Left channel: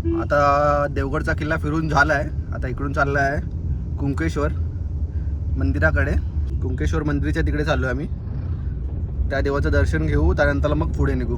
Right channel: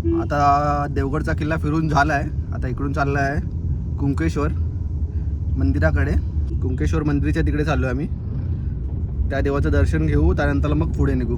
आता देवगडचा किल्ला फिरून झाला आहे. आता इकडून चालला आहे कुंकेश्वर मंदिराकडे. कुंकेश्वर मंदिराच्या तिकडे चाललो आहे आम्ही. त्या देवाचं दर्शन घेऊ, त्यानंतर मग पुढे निघू.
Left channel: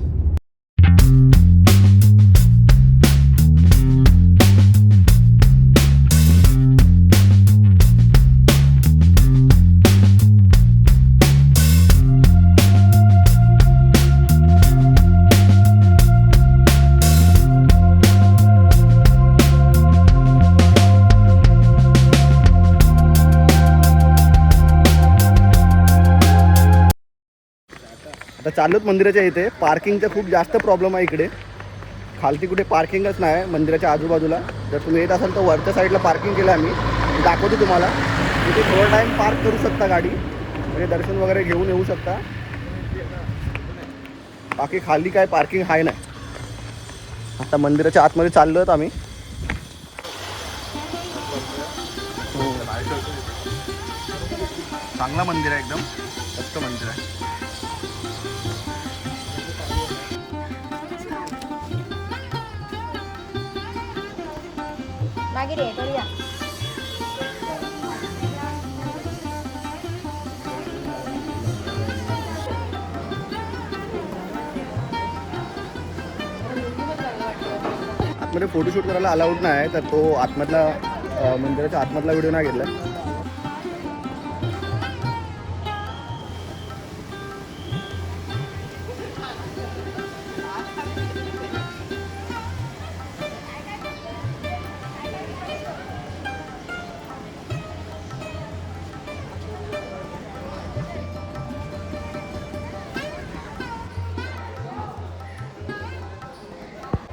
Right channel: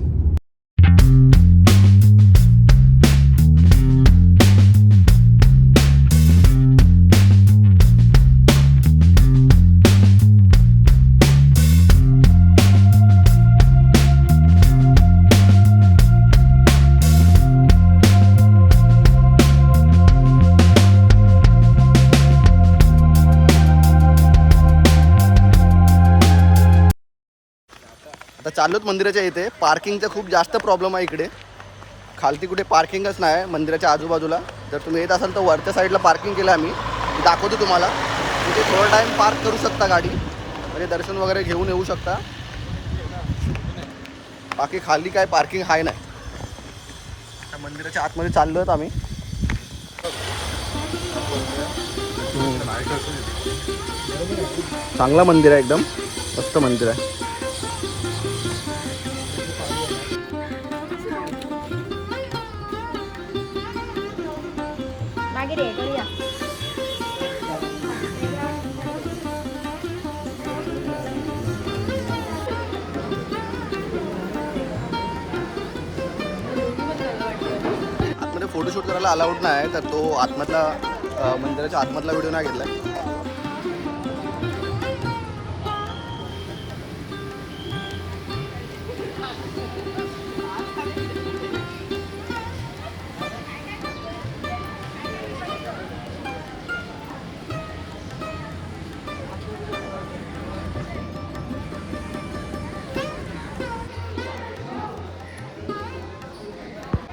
आता चाललोत मंदिराच्या इथे. पार्किंगचा खूप जास्त प्रॉब्लेम आहे इकडे. खालती कुठे पार्किंगच नाही मंदिराच्या आजूबाजूला. जर तुम्ही येत असाल तर वरच्या साईडला पार्किंग केलं आम्ही, दाखवतो तुम्हाला. तिथे थोडा टाईम पार्क करू शकता गाडी, म्हणजे दर्शन वगैरे घेऊन येऊ शकता. बाकी खाली काय पार्किंग आहे नाही. आता मंदिराच्या आतमध्ये चाललोत आम्ही. चांगला मंदिर आहे, एकदम मस्त मंदिर आहे. आतमध्ये फोटोशूट करायला अलाउड नाही, तर तो आतमधला मंदिराच्या आतमधला व्हिडिओ नाही घेतला.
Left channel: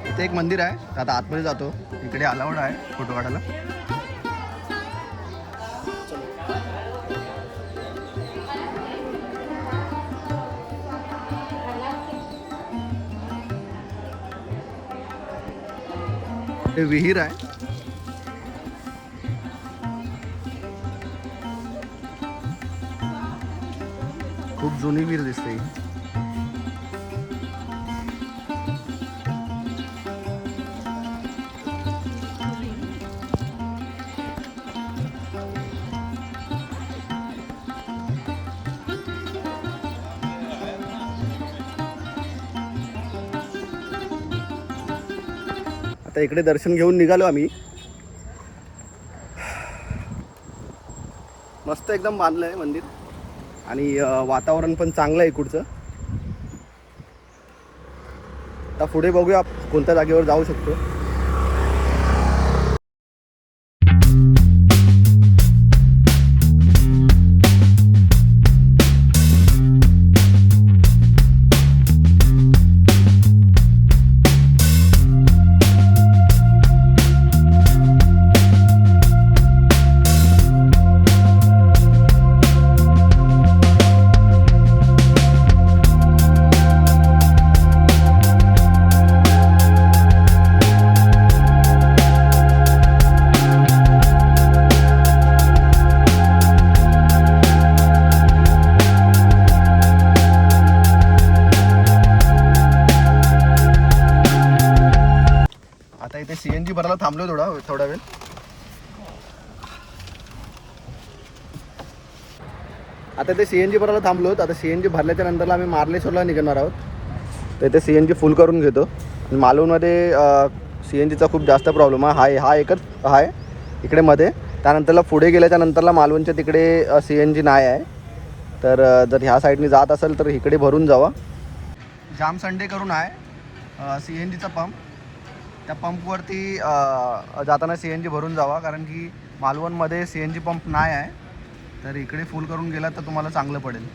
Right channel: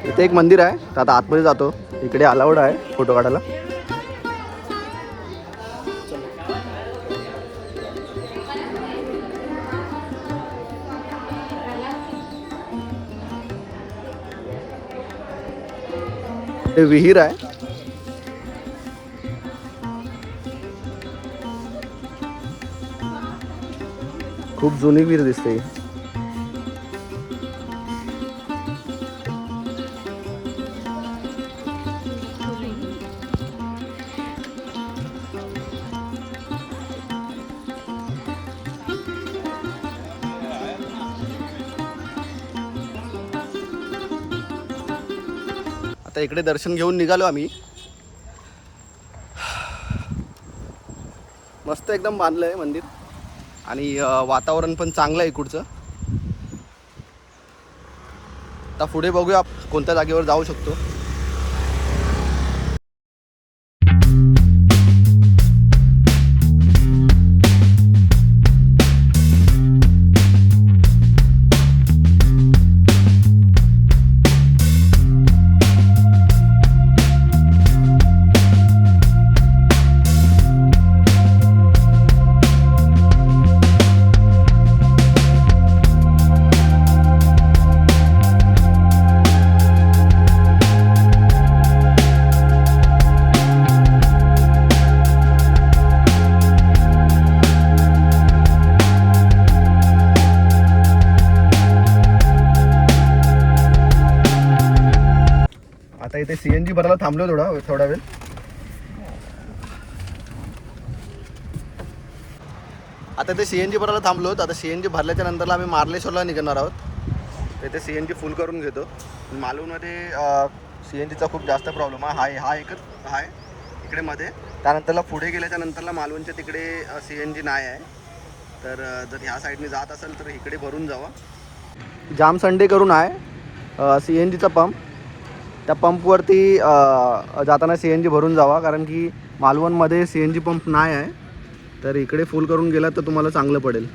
इथे एक मंदिर आहे, तर आता आतमध्ये जातो. इकडे अलाउड आहे फोटो काढायला. इथे विहीर आहे. खूप जुनी विहीर दिसते. आता इकडे दर्शन घेऊन निघालो आम्ही. मस्त एकदम बांधलं आहे मंदिर, आणि वातावरण पण चांगलं आहे इकडचं. आता पुढे बघूया कोणत्या जागेवर जाऊ शकतो. आता इथे CNG भरायला थांबलो थोडा वेळ. आता इथे CNG भरायला थांबलो. आता CNG भरल्याच्या नंतरला आम्ही मार्लेश्वरला निघणार आहोत. तर इथे CNG फुल करून घेतो. मालवणमध्ये CNGचा खूप जास्त प्रॉब्लेम आहे. हा एकच आहे इकडे मध्ये. त्यानंतरला पुढे गेल्याच्या नंतरला मालवणच्या तिकडे CNG नाही आहे. तर जर ह्या साईडने जात असेल तर इकडे भरून जावा. जाम संडे करून आहे CNGचा पंप. त्या पंपवरती जाताना CNG भरून जावा, कारण की मालवणमध्ये CNG पंप नाही आहे. तर इकडे फुल करून गेला तर तुम्हाला चांगलं पडेल.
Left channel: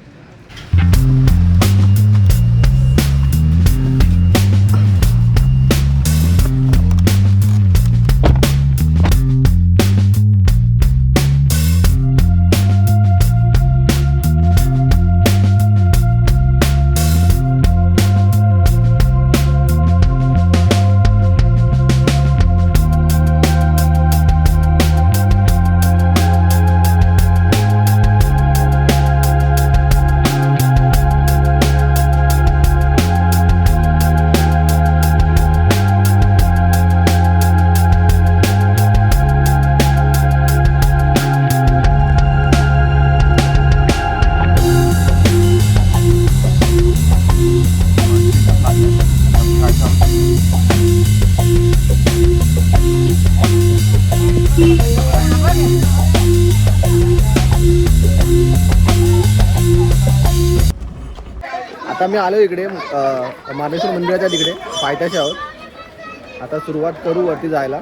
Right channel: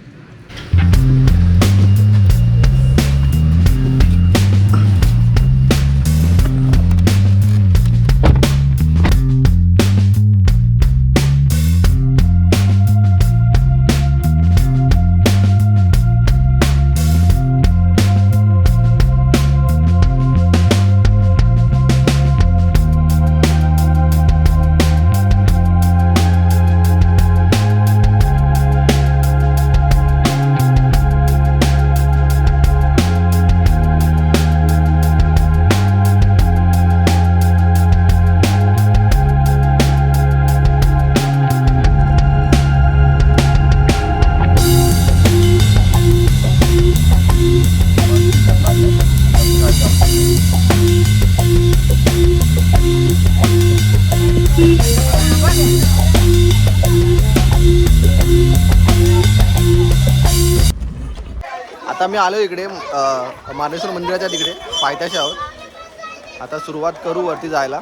आता मी आलो इकडे मार्लेश्वर मंदिराच्या तिकडे पायथ्याशी आहोत. आता सुरुवात करू वरती जायला.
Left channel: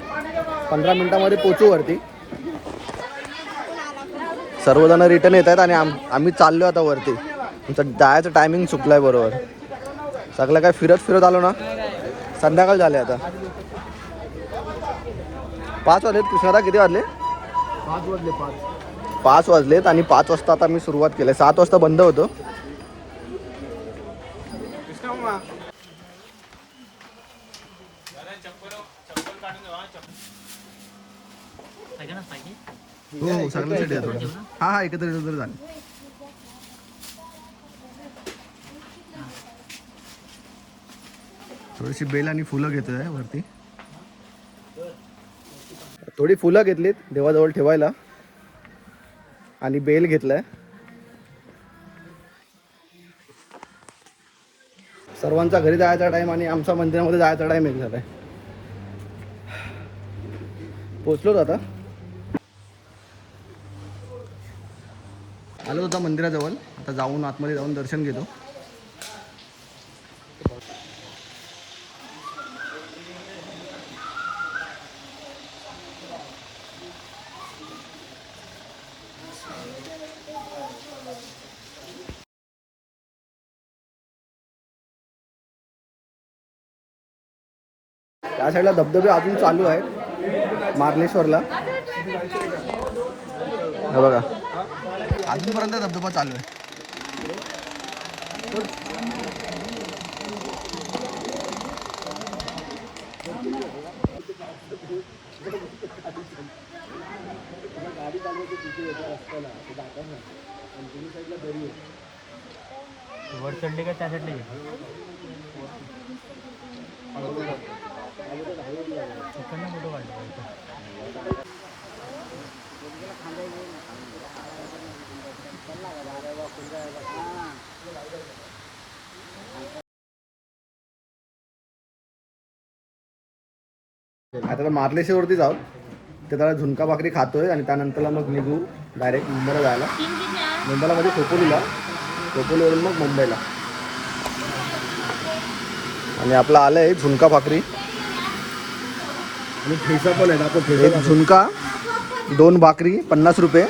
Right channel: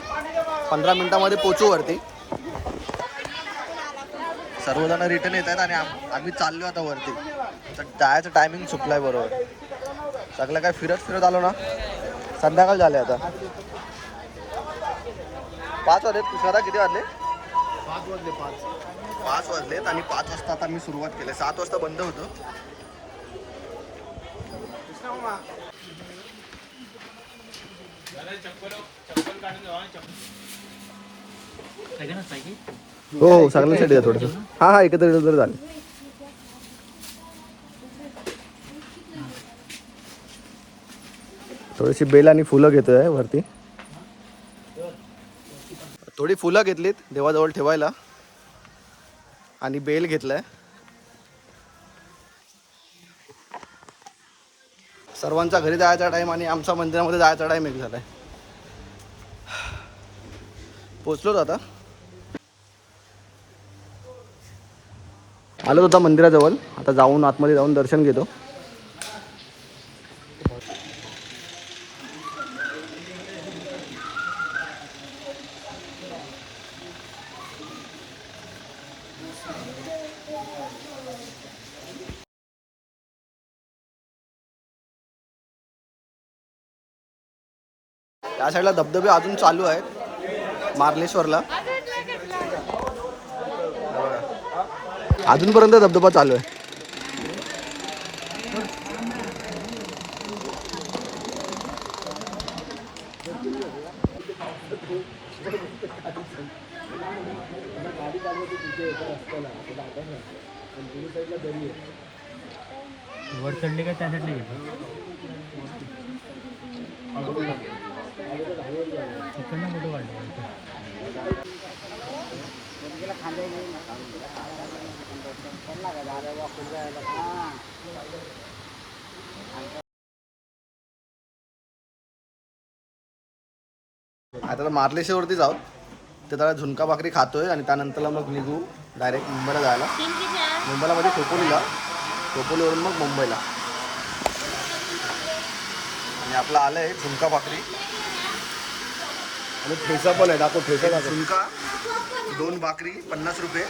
15 मिनिटामध्ये पोचू वरती. सर्वजण रिटर्न येत आहेत आणि आम्ही चाललो आता वरती. आमचं जायचं टायमिंग चुकलं आहे बरोबर. सगळं काय फिरत आलो ना, संध्याकाळ झाले आता. 5 वाजलेत. तुषारा किती वाजले? 5 वाजले. 5 वाजलेत आणि 5 वाजता आता मी सुरुवात केली. 7 वाजता बंद होतो. हो सगळ्यांसाठी आहे थोडंसं. हा एकत्र तर झालं. थोडीशी बेल आणि फुलं घेतोय वरती. थोडी फुलं घेतलीत देवाजवळ ठेवायला आणि बेल घेतलाय. सर्वांचा घरी जायचा टाइम आणि आमचा मंदिरामध्ये जायचा टाइम एक झालाय. पोचलोच आता. आलोच होता मंदिराजवळ. आता जाऊन आतमध्ये जाऊन दर्शन घेतो. त्या साईडला धबधबे अजून चालू आहेत मार्लेश्वरला. हे बघा अजूनपर्यंत धबधबा चालू आहे. वर चढले का त्या साईडला आता मार्लेश्वरवरती जाऊ. ते त्याला झुणका भाकरी खातोय आणि त्यानंतरला मग निघू डायरेक्ट मुंबईला जायला. मुंबईला मध्ये खोपोलीला, खोपोलीवरून मग मुंबईला. आणि आपला आलंय झुणका भाकरी आणि ठेचा पण आहे. दाखव ठेचा. एक झुणका 2 भाकरी 50 रुपये.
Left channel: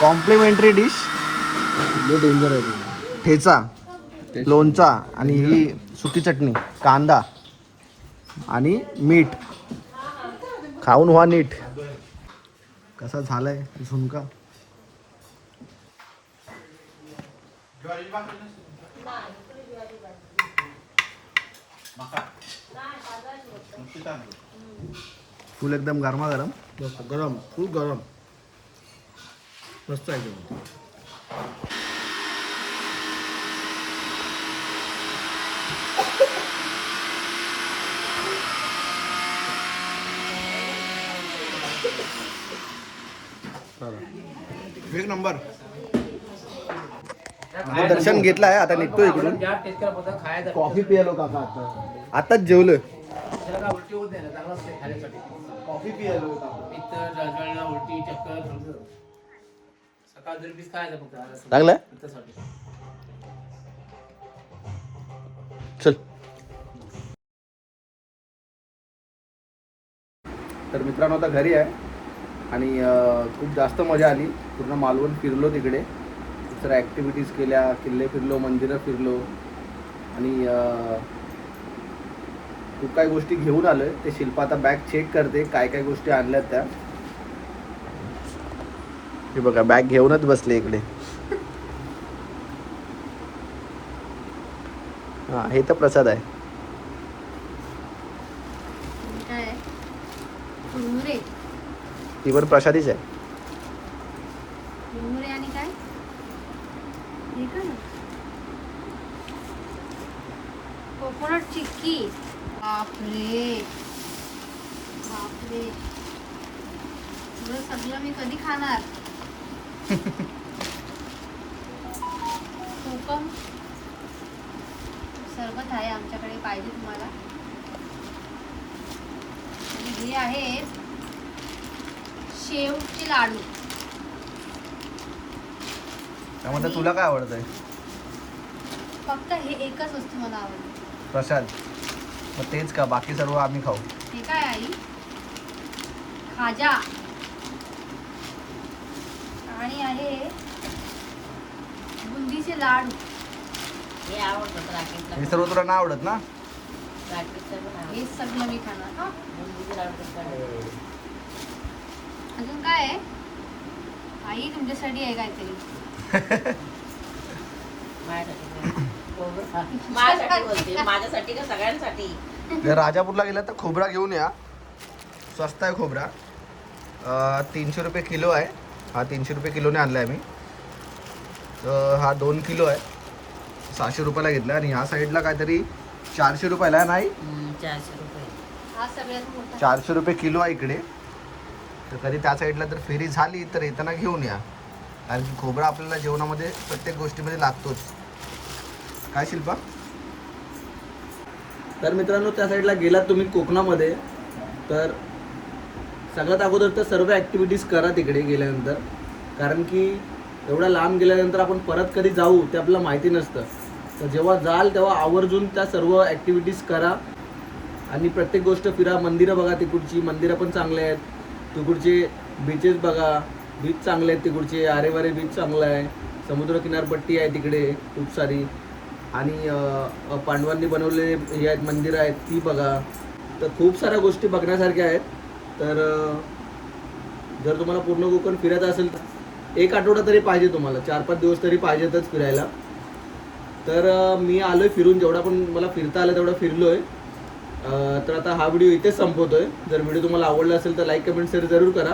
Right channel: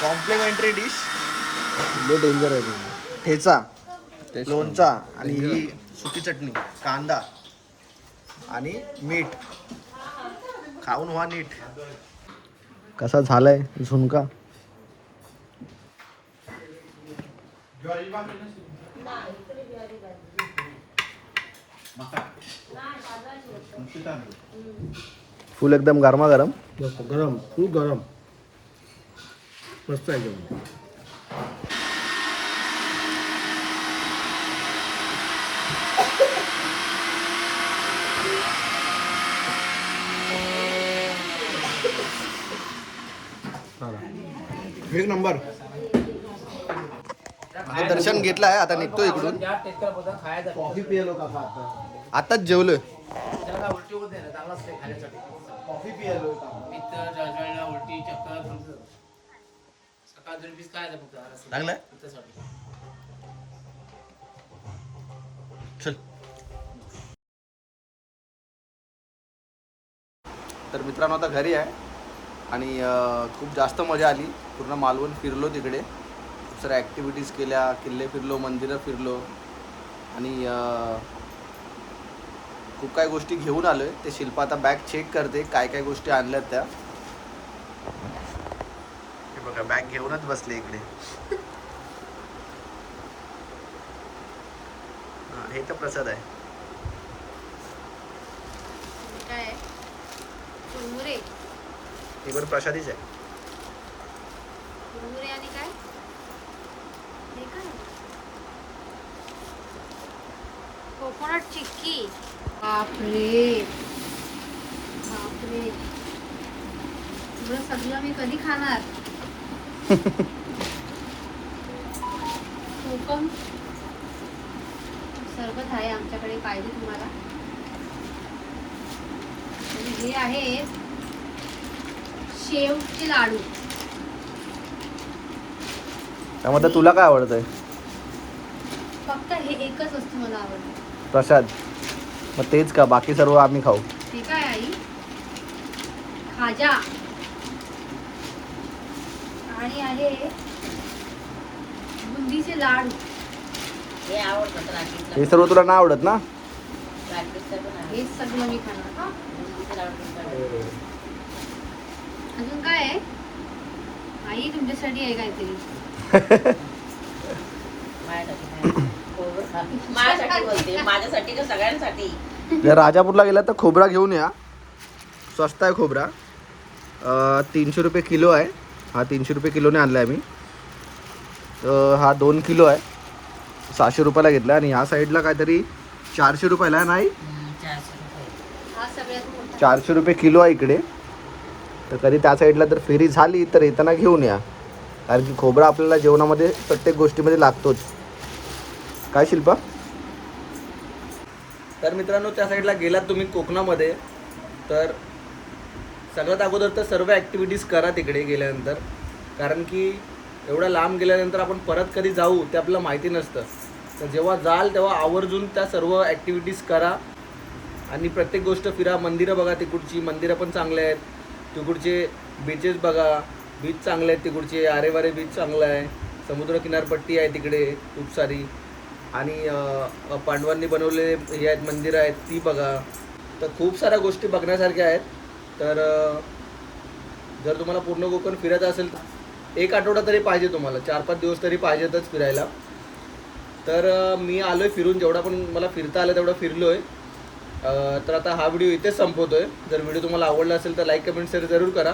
Complementary dish. डेंजर आहे. ठेचा, लोणचा आणि ही सुकी चटणी, कांदा आणि मीठ. खाऊन व्हा नीट. कसा झालाय झुणका. फुल एकदम गरमागरम. गरम, फुल गरम. मस्त आहे जेवण. एक नंबर. दर्शन घेतलं आहे. आता निघतो इकडून. कॉफी पियालो काका आताच जेवलोय. कॉफी पियालो. उलटी चक्कर सकाळ 2 पीस खायचं फक्त. चांगलं आहे. चल. तर मित्रांनो आता घरी आहे आणि खूप जास्त मजा आली. पूर्ण मालवण फिरलो तिकडे. खूप साऱ्या ॲक्टिव्हिटीज केल्या. किल्ले फिरलो, मंदिरं फिरलो आणि खूप काही गोष्टी घेऊन आलो आहे. ते शिल्पा आता बॅग चेक करते काय काय गोष्टी आणल्यात त्या. हे बघा बॅग घेऊनच बसले इकडे. हां हे तर प्रसाद आहे. ती वर प्रसादीच आहे. आणि काय हे काय कोकोनट चिक्की. बापरे बापरे एवढं सगळं मी कधी खाणार. कोकम सरबत आहे आमच्याकडे. पाहिजे तुम्हाला. आणि हे आहे शेवचे लाडू. त्यामध्ये तुला काय आवडतंय? फक्त हे एकच वस्तू मला आवडली. प्रसाद. मग तेच का, बाकी सर्व आम्ही खाऊ? हे काय आई? खाजा. आणि आहे बुंदीचे लाडू. हे सर्व तुला नाही आवडत ना? हे सगळं मी खाणार. अजून काय आहे आई? तुमच्यासाठी आहे काहीतरी? माझ्यासाठी का सगळ्यांसाठी? जर राजापूरला गेला तर खोबरा घेऊन या. स्वस्त आहे खोबरा. 300 रुपये किलो आहे. हा 300 रुपये किलोने आणला आहे मी. हा 2 किलो आहे. 600 रुपयाला घेतला. आणि ह्या साईडला काहीतरी 400 रुपयाला आहे. नाही, 400 रुपये किलो आहे इकडे. तर कधी त्या साईडला जर फेरी झाली तर येताना घेऊन या, कारण की खोबरा आपल्याला जेवणामध्ये प्रत्येक गोष्टीमध्ये लागतोच. काय शिल्पा? तर मित्रांनो, त्या साईडला गेलात तुम्ही कोकणामध्ये तर सगळ्यात अगोदर तर सर्व ॲक्टिव्हिटीज करा तिकडे गेल्यानंतर, कारण की एवढ्या लांब गेल्यानंतर आपण परत कधी जाऊ ते आपल्याला माहिती नसतं. तर जेव्हा जाल तेव्हा आवर्जून त्या सर्व ॲक्टिव्हिटीज करा आणि प्रत्येक गोष्ट फिरा. मंदिरं बघा, तिकडची मंदिरं पण चांगले आहेत. तिकडचे बीचेस बघा, बीच चांगले आहेत तिकडचे. आरेवारे बीच चांगलं आहे. समुद्र किनारपट्टी आहे तिकडे खूप सारी. आणि पांडवांनी बनवलेले हे आहेत मंदिरं आहेत ती बघा. तर खूप साऱ्या गोष्टी बघण्यासारख्या आहेत. तर जर तुम्हाला पूर्ण कोकण फिरायचं असेल तर 1 आठवडा तरी पाहिजे तुम्हाला. 4-5 दिवस तरी पाहिजेतच फिरायला. तर मी आलो आहे फिरून. जेवढा पण मला फिरता आलं तेवढं फिरलो आहे. तर आता हा व्हिडिओ इथेच संपवतो आहे. जर व्हिडिओ तुम्हाला आवडला असेल तर लाईक, कमेंट, शेअर जरूर करा.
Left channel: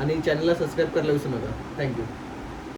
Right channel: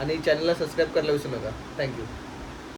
आणि चॅनलला सबस्क्राईब करायला विसरू नका. थँक्यू.